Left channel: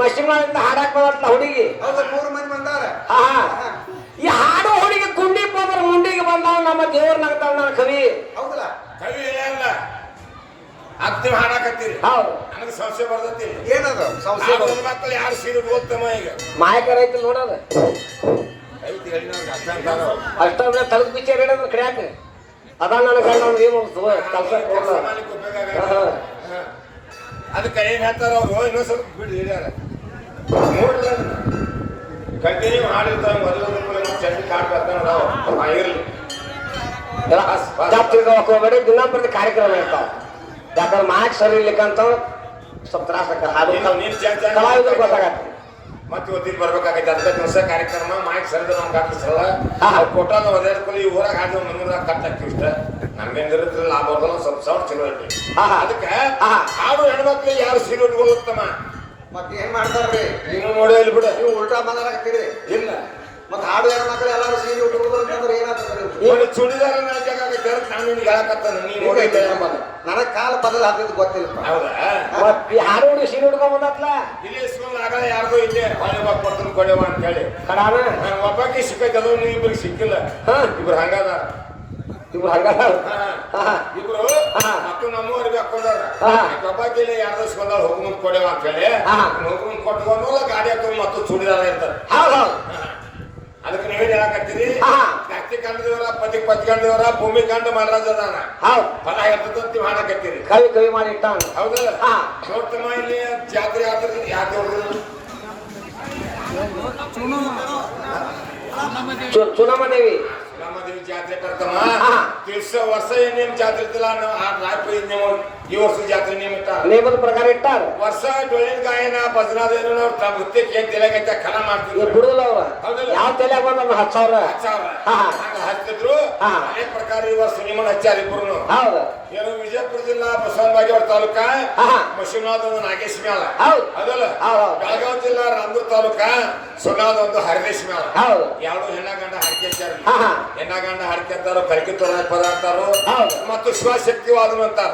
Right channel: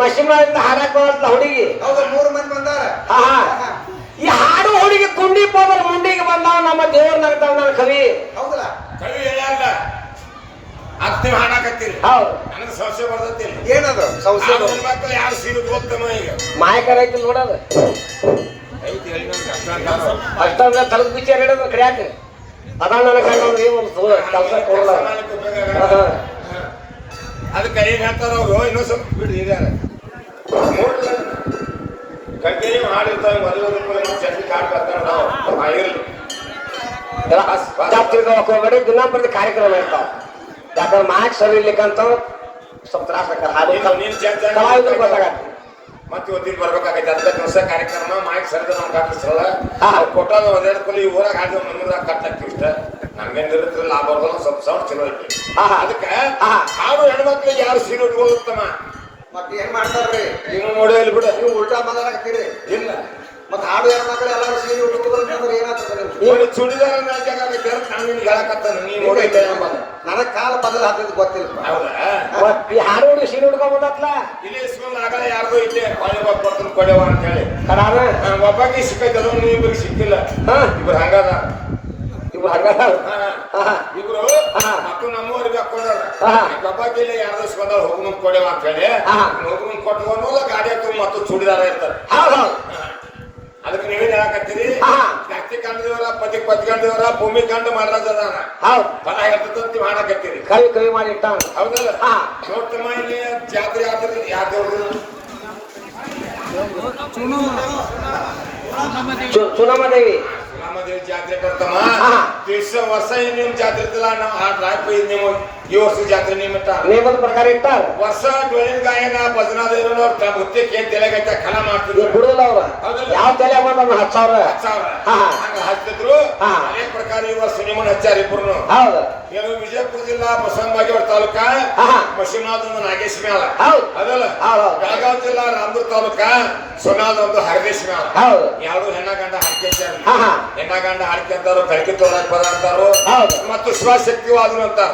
ಮಶಿಮಳಿಂದ ಹಾಡಕ್ ಬರತ್ತ ಹುಡುಗಿ ಮೂರು ಮಂದಿ ಬಂದಾರ. ಈ ಹಾಡು ಹುಡುಗಿ ಕುಂಡಿ ಹೋದ್ರ ಮುಂಡಿಗೆ ಬಂದಾವ ನಮ್ಮ ದೇವ್ರ ನರ್ತಾವ ನನ್ನ ಕವಿ. ಹೌದಲ್ಲ ಕವಿ ಇಲ್ಲ ಆಗ್ತೀವಿ ಹಾಡಾಕತ್ತೀರಿ. ಹೌದು ನನಗೆ ಸಂಶಯ ಬರ್ತೈತಿ. ಏನದು ಸಂಶಯ? ಮಕ್ಕಳು ಯಾರು ಸೀರೆ ಓದ್ತಮ್ಮ ಈಗ ಮಾಯಕರ ಐತಿ ನೋಡೋದು ಅಷ್ಟೊಂದು ತಲಗ ಬಿಚ್ಚಾರ ಹಿಡಿದ್ರು ಕಡ್ಯಾಕ ಅದ ನನ್ನ ಅದಕ್ಕೆ ಏನ್ ಹೇಳ್ತಾರ ಅವರು ಇನ್ನೊಂದ್ ಸ್ವಲ್ಪ ಬಿಡ್ರಿ ಹಿರಿಯಾರ ಕಂಟಿನ್ಯೂ ಮಾಡಿರ್ತಾರೆ ಮದುವೆ ಚಂದ ಕಾಣ್ಬರ್ತಾರ ಹೋಗ್ಬೇಡಿ ದಿನ ಪ್ರತಿ ಕಾರ್ಯಕ್ರಮ ಇರ್ತಾವ. ಯಾಕಂದ್ರೆ ಮಾರ್ಕ್ಸ್ ಸರಿ ಇರ್ಲಿಕ್ಕಂತ ಸ್ವಲ್ಪ ತ್ರಾಸ ಗೊತ್ತಾಗತ್ತೆ. ಮತ್ತೆ ಇವತ್ತಿನ ಬರ್ಬೇಕಾಗೈತೆ ಅಂತ ಕೆಲಸ ಕಾರ್ಯಕ್ರಮ ಮಾಹಿತಿ ಸರಿದ ನಮ್ಗೆ ಹಾಕಿಸಲ್ಲ ಕೊಟ್ಟಾದ ಒಂದೆರಡು ಕೊಲಿ ಊರಾಗ ಹಾಡಿದ ನಮ್ಮೂರಾಗ ಕಟ್ಟಾಕ್ತಿವಿ ಇಷ್ಟ ನಮ್ಗೇನಿರುತ್ತಿಲ್ಲ ಲಾಭ ಬರೋಲ್ಲ ಸ್ವಲ್ಪ ಸಾವಿರ ಚಲೋ ಐತಿ. ಅದಕ್ಕೆ ಹಾಡು ಹೆಣ್ಮಕ್ಳಿಗೆ ಯಾವ ಸೀರೆ ಉಟ್ಕೊಳ್ಳುತ್ತಮ್ಮ ಮತ್ತೆ ಏನ್ ಮಾಡ್ತಾರ್ರಿ ನೀವು ನೋಡಿ ಇಲ್ಲಿ ಬಿಡ ನೀವು ಉಲ್ಟಾ ಮಾತಾಡ್ತೀರಿ. ಇಲ್ಲ ಮತ್ತೆ ಹಾಡು ಹೆಣ್ಮಕ್ಳು ಎಲ್ಲರೂ ಸೀರೆ ಉಟ್ಕೊಳ್ಳೋದ್ರೆ ಏನಾಗ್ತದೆ? ಈಗ ಚುಡಿದಾರ ನಾಚಾಗೈತೆ ನಾನು ನಿಮ್ಗೆ ಹೇಳಕತ್ತಾನ ನೀನು ನನಗ್ ಕಾಲ ಬದಲ ಹಾಕಿದ್ ಗೊತ್ತಿಲ್ಲ. ಹೌದಾ ಹಾಡು ಹುಡುಗಿ ಸೀರೆ ಉಟ್ಕೊಂಡ್ಬಂದತ್ಲ ಇಲ್ಲಿ ಸ್ಕೂಲ್ ಆಗಲೇ ಯಾರ್ದೋ ಐತೆ ಕೊಡ್ತೀನಿ ಕೊಡೆವ ಅಂತ ಹೇಳಿ ಒಬ್ಬಾಕಿ ಸಿಕ್ಕೈತಲ್ಲ ನೀವಿಬ್ರಿಗೆ ಸಿಕ್ಕಿಲ್ಲ. ಇಬ್ರು ಹಂಗದ ಇವ್ರು ಹಂಗದ ಇಬ್ರು ಮತ್ತು ನಮ್ಮೂರಿಗೆ ಹಾಕೊಂಡಾರ ಒಬ್ಬಾಕಿ ಇಲ್ಲ ಯಾರ್ದೋ ಸ್ಕೂಲ್ ಹೋಗಿ ಕೊಡೆವ ಅಂತ ಹೇಳಿ ಹೋಗಿ ಕೊಟ್ಟವಲ್ಲ ಗಾಡಿ ಹಾಕೊಂಡು ಮತ್ತು ಚೂಡಿದಾರ ಇರ್ತಾರೆ. ಅದಕ್ಕೆ ನೀವೇನ್ ಹೇಳಕತ್ತೀರಿ ಕತ್ತಿ ಕಂಡದೇವರ ಪತಿ ಕಂಡದೇವರ ಭೂಮಿ ಕಂಡು ಮಹಾರಾಜ ಅದಾನ ಫಲ ಇರ್ತದಂತ ಮಾಡಕತ್ತೀರಿ. ಕವಿ ಕವಿ ಮಾಡಿ ಇಟ್ಟ ಹೌದಲ್ಲ ನೋಡ್ತಮ್ಮ ಇಲ್ಲಿ ಜಾತ್ರೆ ಆಗ್ತದೆ ಯಾಕೆ ಚುನಮದೇವಿ ರಾಮದೇವಿ ಜಾತ್ರೆ ಕರ್ತಮ್ಮ ವರ್ಷ ನಿಮ್ ಜಾತ್ರೆ ಇತ್ತಲ್ಲ ನೀವು ಈ ವರ್ಷ ಜಾತ್ರೆ ನೇಮದ ಪ್ರಕಾರ ಇಟ್ಟ ವರ್ಷ ಡೊಳ್ಳಿನ ಗಾಯನ ಭಜನಾದೇವರು ಮುತ್ತಕ್ಕೆ ಏನ್ ತಲೆಗೈತ ಕಲ ಮಾಡ್ತಿದ್ರು ಬಿಡುದಿಲ್ಲ ಅವ್ರ ಯಾವ ತಲೆ ಬಂದ 10,000 ಹಚ್ತಿದ್ರು ಅದೇ ಪ್ರಕಾರ ಈ ವರ್ಷ ನಿಮ್ಮನ್ನ ಹಚ್ಚಾರ ಇಬ್ರು. ಹೌದು ಏನು ವಿಜಯಪುರ ಜಿಲ್ಲಾ ಬಸವನಬಾಗೇವಾಡ ತಾಲೂಕ ಮಶಿಮನಾದ ಹರದೇಶ್ ಮೇಳ ಅದಲ್ಲ. ಬೆಳಗಾವಿ ಜಿಲ್ಲಾ ರಾಮದುರ್ಗ ತಾಲೂಕ ಸೊನಾದ ಒಂದು ಹರದೇಶ್ ಮೇಳ. ಯಾವ್ದು ಹೆಣ್ಣ ಗಂಡ ಹಾಡ್ಕೆ ಹೆಣ್ಣ ಗಂಡ ಹಾಡ್ಕೊಂತಾರು ಬೆಳಗ್ಗೆ ತೊಳಕ್ ಪದಾರ್ಥರು ಮತ್ತು ಶಿವಶಕ್ತಿವಾದನು ಅಂತಾರ.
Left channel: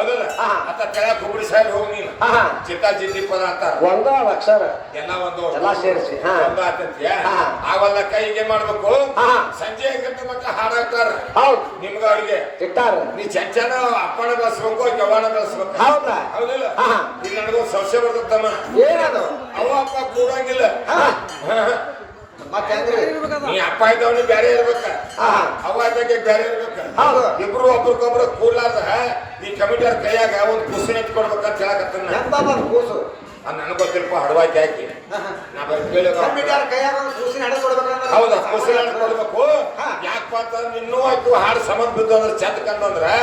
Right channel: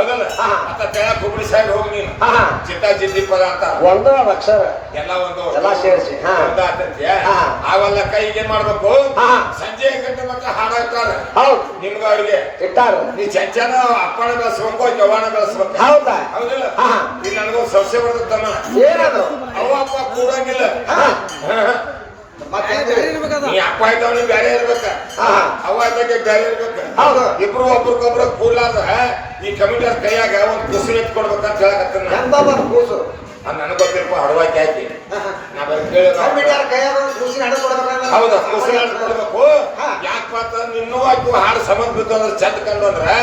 ಅದಲ್ಲ ಮತ್ತ ತೆಳಕ್ ಹುಬ್ಬಳ್ಳಿ ಸೈಡ್ ಹೋಗಿ ಚಿತ್ತ ಜಿದ್ದಿ ಪದಾರ್ಥ ಒಂದು ಅಕ್ಷರ ಎಲ್ಲ ಒಂದು ಸೇರಿಸಿ ಒಂದ ಆತಂತ್ಯ ಆವಲ್ಲ ಕೈಗೆ ಏನ್ ಮಾಡ್ಬೇಕು ಸಂಜೆ ಗಂಟೆ ಮತ್ತ ಹಾಡಾಕ್ತಾರ ನಿಮ್ಗ ಅವ್ರಿಗೆ ಇಟ್ಟಾರ ನೀ ಚಂಚನ ಅಪ್ಪನ ಬೆಳೆಸ್ಬೇಕು ಜವಾನ ಬೆಳೆಸ್ಬೇಕು. ಹೌದಾ ಹೌದಿಲ್ಲ ಈಗ ನನಗೊಂದು ಸಸ್ಯ ಬರ್ತಮ್ಮ ಏನದು ಅವ ಅಪ್ಪ ಕೂಡಂಗಿಲ್ಲ. ನೀ ಅಪ್ಪ ಇದ್ದವನು ಬೇರೆ ಇರ್ಬೇಕ ಅವ ಅದಕ್ಕೆ ಬೇರೆ ಇರ್ಬೇಕ. ಇಬ್ರು ಒಬ್ರಿಗೊಬ್ರು ಕೂಲಾದ ಈ ಕಮಿಟರ್ ಕೈಯಾಗ ಒಂದು ಕೂಸು ಎತ್ಕೊಡ್ಬೇಕಂತ ಹೇಳಕತ್ತ ಕೂಸು ನನಗೆ ಗೊತ್ತಿರಪ್ಪ ಹಡವಾಕಿ ಹಾಕಿ ನಾ ಬರೀ ಕೇಳಿದ ಕಮಿಟಿ ಯಾರ ಕೈಯಾಗ ಕೂಸಿನ ಹಣ ಕೊಡ್ಬೇಕಂದ್ರೆ ಹೌದಾ ಕುಸಿನ ಕೊಡ್ಬೇಕು ಯಾಕಪ್ಪ ಅಂತಂದ್ರೆ ಇನ್ನೂ ಅದು ಹಾಡು ಸಂಬಂಧ ಬಿದ್ದು ಅಂದ್ರೆ ಚಂದ ಕಂಡು ಅಂದ್ರೆ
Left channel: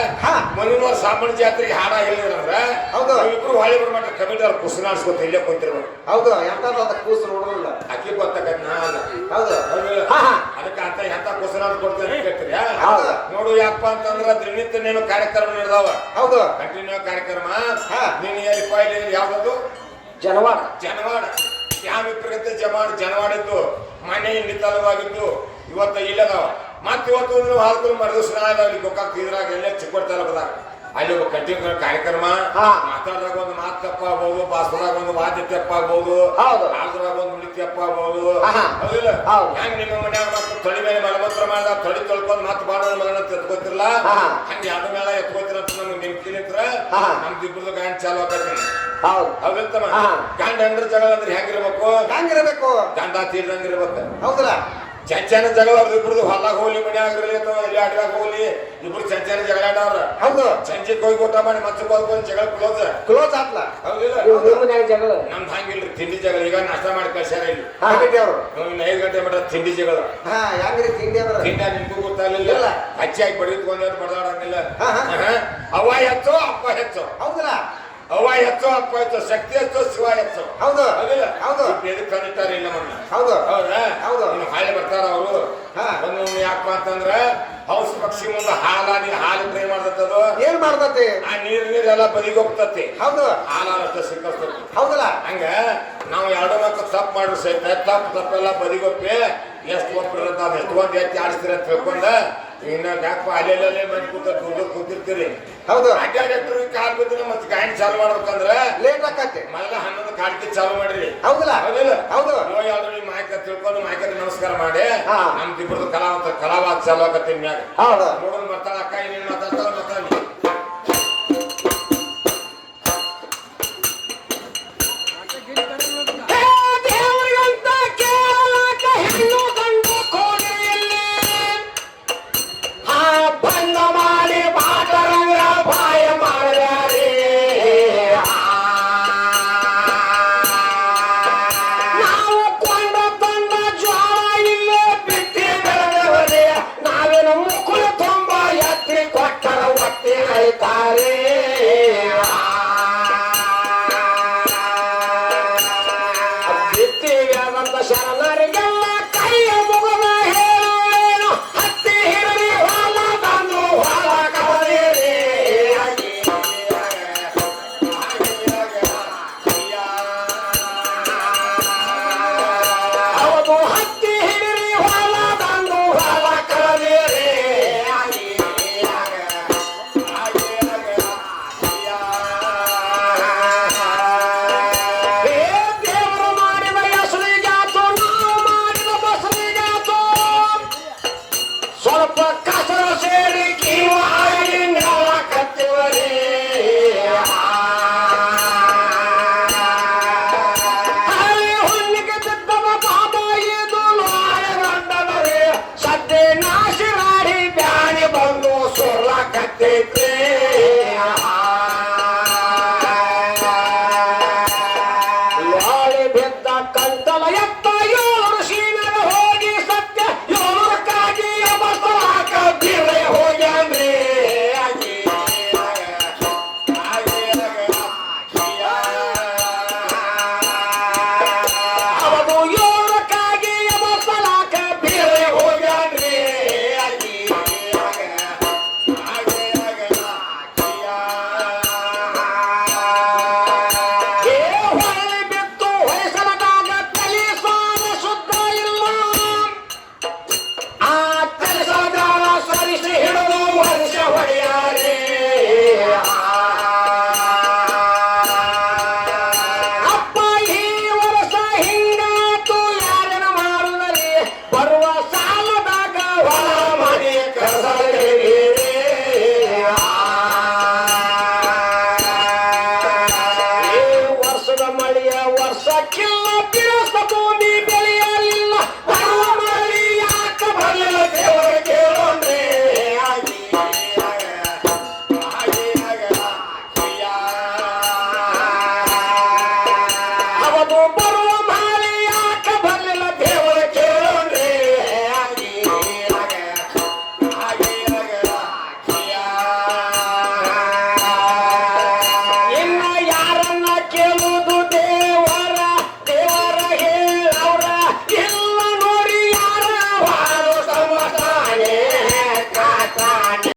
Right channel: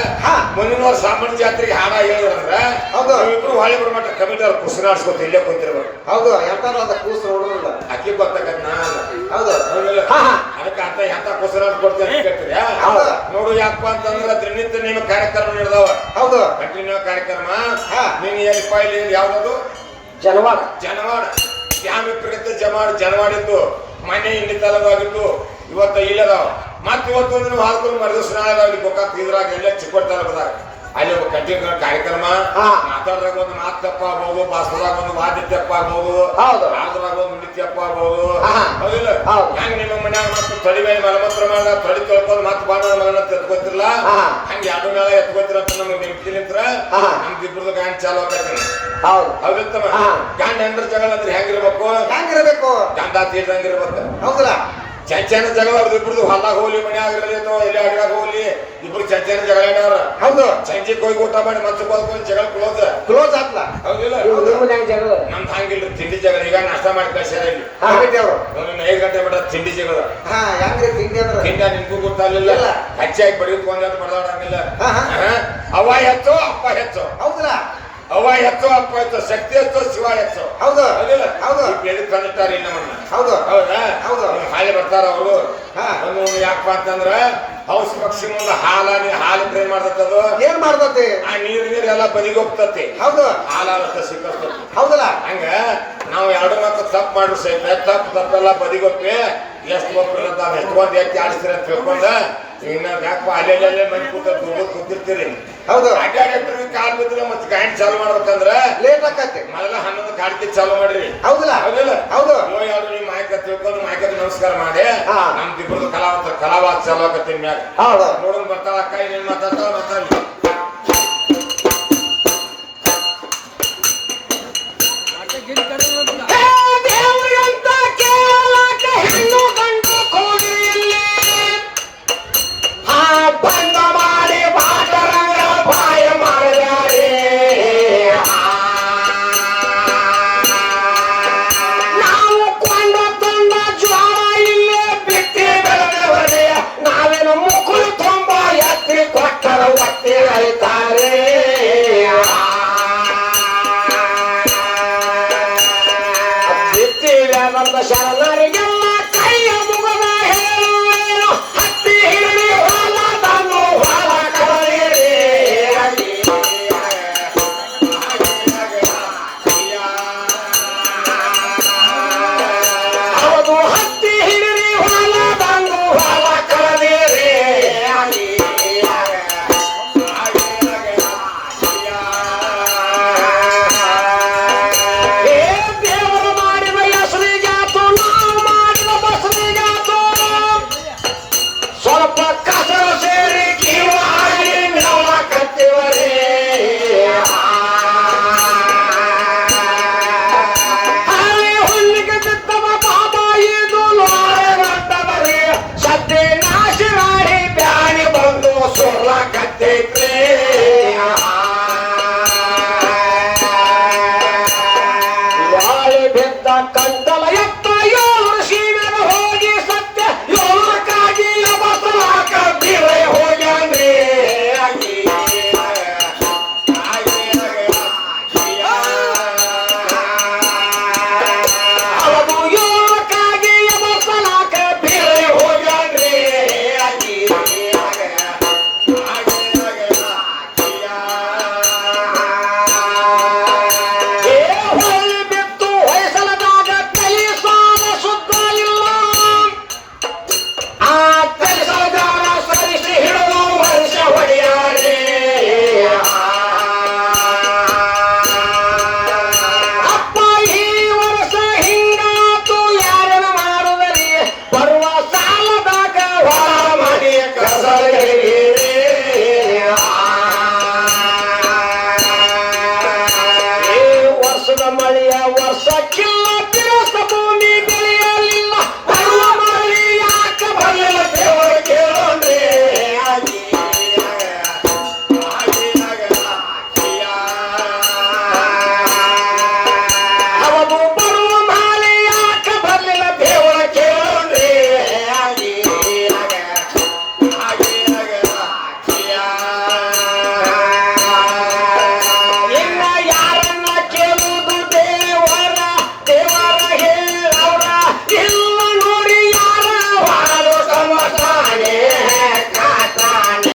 ಮುಂದಿನ ಸಾಮಾನ್ಯ ಜಾತ್ರೆಗೆ ಹಾಡ ಹೇಳಿದ್ರಂದ್ರ ಹೌದು ಇಬ್ರು ಹೊಳೆ ಬರ್ಮಟ್ಟ ಕಮಿಟಿ ಅವ್ರು ಕುಸಿನ ಆಡ್ಸ್ಕೊತ ಇಲ್ಲೇ ಕುಂತಿರ್ಬೇಕು ಹೌದು ಎಂತಾರ ಅಂತ ಕೂಸು ನೋಡೋದಿಲ್ಲ ಅಕ್ಕಿ ಗೊತ್ತಾಗತ್ ನಾ ಹೌದು ಅದಕ್ಕೆ ಅಂತ ಎಂತ ಕುಸಿನ ಆಡ್ಸ್ಕೊಡ್ತೇನೆ ಕೇಳ್ತೀರಿ ನೋಡು ಯಾಕಪ್ಪ ಅಂತಂದ್ರೆ ದಿನನಿತ್ಯ ನಿಮ್ಗೆ ಕಾರ್ಯಕ್ರಮ ನೀಡಿದಾವ ಹೌದು ಕಂಟಿನ್ಯೂ ಕಾರ್ಯಕ್ರಮ ನೀನ್ ಏನು ಫೈಲ್ ಯಾವ್ದು ಜನವಾಡ ಜನವಾಡ ಯಾವ ಪ್ರಗತಿ ಜನವಾಡಿತ್ತು ಮನೆ ಹಿಂಡಿತಲವಾಗಿತ್ತು ಇವತ್ತು ಇಲ್ಲದಾವ ಮತ್ತೆ ಇವತ್ತು ನೀವು ಹಾಲ್ಕೊಂಡು ಮರದಿವ್ಸ ನಾಳೆ ನಾವು ಇಲ್ಲಿ ಗೋಕಾಕ್ ಇದ್ರಾಗ ಎಲ್ಲ ಚಿಕ್ಕೋಡ್ ತಾಲೂಕದಾಗ ಅಲ್ಲಿ ಕಂಟಿನ್ಯೂ ಕಾರ್ಯಕ್ರಮ ಮಾತಾಡ್ದಾಗ ಒಂದು ಮಾತು ತಪ್ಪ ಆಗ್ಬೋದು ಭಾಷಣದಾಗ ಒಂದು ವಾದ್ಯ ತಪ್ಪ ಆಗ್ಬೋದು ರಾಜದಾಗ ಒಂದು ನುಡಿ ತಪ್ಪ ಆಗ್ಬೋದು ಹೌದಿಲ್ಲ ಹೆಂಗ್ ನಿಮ್ಮ ಮನ್ಯಾಗ ಮತ್ತೆ ತಳಿ ಮೇಲೆ ಮಲಮೂತ್ರ ಮೇಲೆ ತಳಿ ತೊಳ್ಕೊಂಡು ಮತ್ತೆ ಬಾಳ ಮಗನ ಎತ್ಕೋತಿರ್ಲ ಹಂಗೆ ಎರಡು ಮೇಳ ಎತ್ಕೋತಿರ ಅಂತ ನಮ್ಗೆ ನಿಂತಿಲಿಂತ್ರ ನಮ್ದು ಇಬ್ಬರದು ಗಾಂಡ್ ಚಾಲು ಆಗೈತಿ ಹೌದಿರ್ತಮ್ಮ ಗಂಡ ಹೆಂಡ್ರ ಜಗಳ ಅಂದ್ರೆ ಹೆಂಗಿರ್ಬೇಕು ಗಂಡ ತೀರ್ದಂಗಿರ್ಬೇಕು ಹೌದಲ್ಲ ಚಂಚನ ಜಗಳ ಅವ್ರದ್ದು ಇಬ್ರದು ಹೊಲ್ಲಾಗ ಹೋಗ್ಲಿ ಮನ್ಯಾಗ ಇಲ್ಲಿ ಅಡ್ಗಾಗ ಹೋಗ್ಲಿ ಇಬ್ರು ಚಂಚನ ಜಗಳ ಆಡ್ಯಾರ ಹೌದು ಸಂಜೆ ಹೋಗಿ ಊಟ ಮಾಡಿ ಮತ್ತೆ ಹೋಗ್ಕೊಂಡು ಜಗಳ ಕ್ಲೋಸ್ ಆತ್ಲ ಹೌದಿಲ್ಲ ನಮ್ದು ಹಂಗಿಲ್ರಿ ತಿಂಡಿ ಜಗಳ ಈಗ ನಾಷ್ಟ ಮಾಡಿ ಕಳ್ಸ್ಯಾರ ಇಲ್ಲಿ 5 ಗಂಟೆ ಮಟ್ಟ ತಿಂಡಿ ಜಗಳ ತಿಂಡ ನಿಮ್ಗೂ ಗೊತ್ತಾಗಲಿಲ್ಲ ಹಚ್ಚಾಗಿ ಬಡಿದ್ಕೊಂಡ್ ಬಡದಾಡಂಗಿಲ್ಲ ಅವ ಹೆಚ್ಚು ಅಪ್ಪ ಹೆಚ್ಚು ಹೌದಲ್ಲ ಅವ ಹೆಚ್ಚು ಅಪ್ಪ ಹೆಚ್ಚು ಶಕ್ತಿ ಹೆಚ್ಚು ಶಿವ ಹೆಚ್ಚು ಹೌದು ಹೌದಿಲ್ಲ ಹೌದು ತಂದಿಟ್ಟಾರ ನಮ್ಮನ್ನ ಹೌದು ಹೌದಾ ಹೌದು ಹಾಲಿ ಬರ್ತಾರ ಅವರು ಯಾಕಪ್ಪ ಅಂತಂದ್ರ ಔಷಧಿ ಪಕ್ಷಿ ಮುಂದೆ ಹಾಲು ಟ್ರೈ ಮಾಡ್ತದ ಏನ್ ಮಾಡ್ತತಿ ಆ ನೀರೆಲ್ಲ ಬದಿಗೆ ಹೋಗ್ತತಿ ಹೌದು ಹಾಲಷ್ಟ ಸಿಕ್ಕಸ್ತತಿ ಹೌದಲ್ಲ ಹಂಗ ನಾವು ಎರಡು ಮಕ್ಕಳು ತಪ್ಪು ಮಾಡ್ರಿ ಸಹಿತ ತಪ್ಪೆಲ್ಲ ಬದಿಗೊಪ್ಪಿ ಎಷ್ಟು ಒಪ್ಪಿರಂತ ಎತ್ಕೊಂಡ್ ಎತ್ತಿ ಆಡಿಸ್ತೀರಿ ಅಂತ ತಿಳ್ಕೊಂಡ ಇನ್ನ ಯಾಕಪ್ಪ ಅಲ್ಲೆಲ್ಲೇ ಮನೆ ಕೂತಿರ್ತೀರಿ ಹೌದು ಅಡ್ಡಾಡಿ ಕಾಲ್ ಬಿದ್ರೆ ಮತ್ತೆ ಗಾಯನ್ ಚಾಲು ಮಾಡ್ಬೇಕಂದ್ರ ಲೇಟ್ ಆಕತಿ ಮೊದಲ 11 ಕಾಡ್ತಿ ಚಾಲು ಮಾಡ್ರಿ ಹೌದಲ್ಲ ಹೌದಿಲ್ಲ ಹೌದು ಯಾರು ಈ ಮಾಯಕ ತಿಳ್ಕೊಂಡು ಮಾಯಕ ನಮಸ್ಕಾರ ಮಾಡಿ ನಮ್ದು ಇಬ್ಬರದು ಕಲಾವಾದ ಚಾಲು ಆಗತ್ತೀನಿ ಮ್ಯಾಗ ನೋಡೋದು ಬರ್ತಾಳ ಅಕ್ಕ ಏನೇನ್ ಮಾತಾಡ್ತಾಳ